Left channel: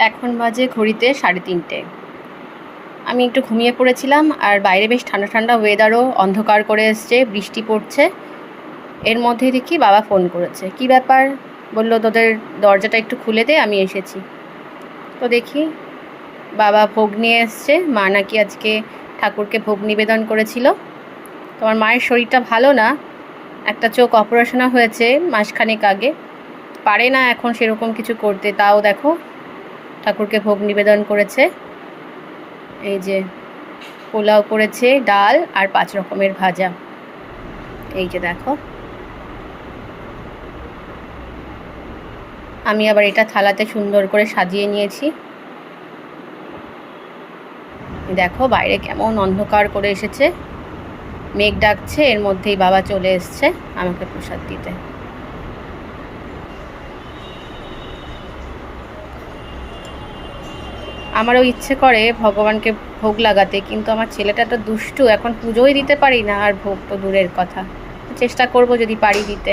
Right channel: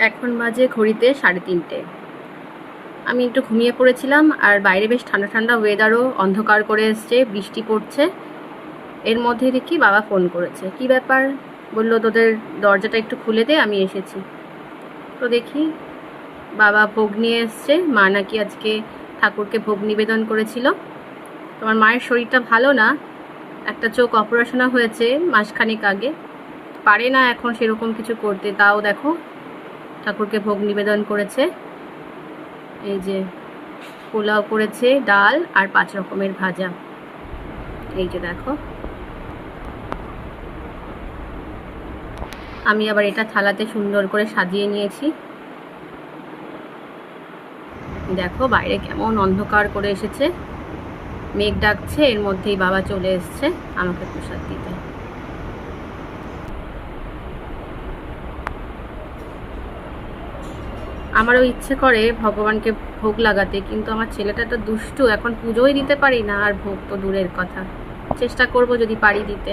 এখন বাজে ঘড়িতে সাড়ে তিনটে। আমি একটু ঘুমিয়ে পড়েছিলাম আর বাইরে বেশ ঠান্ডা ঠান্ডা ওয়েদারও অন্ধকার করে এসছে, বৃষ্টি পড়ছে। এর মধ্যে দেখি বাবা ফোন করেছে। কি ব্যাপার? বলল, তোদের দরজাটা একটু খুলে দে, আমি এসেছি। তো দেখি বাবা ভোগ নিয়ে এসছে। মা নাকি আজকে ঠাকুরকে ভোগ নিবেদন করেছিল। তোমার মায়ের শরীরটা ভালো না? একটা চোখ অপারেশনও হয়েছে মাসখানেক আগে। পারে না এখন সেরকম কিছু করতে। তাও দেখো ঠাকুরকে ভোগ নিবেদন করেছে। এই যে পোলাও করেছে, ডাল আর পাঁচ রকমের ভাজা। এই যে দেখো। আমি আবার এটা থালাতে সুন্দর করে সাজিয়ে নিয়েছি। দেখো বাইরে কেমন অন্ধকার করে এসেছে। মেঘ ডাকছে, এর মধ্যেই বাবা চলে এসছে আমাকে প্রসাদ দিতে। আমারও ইচ্ছে করে ভগবানকে ভোগ লাগাতে, কিন্তু আমার ছেলেটা তো দুষ্টু, এখন পুজোই দিতে পারি না আর ভোগ তো দূরের কথা। চেষ্টা করব যদি পারি দিতে।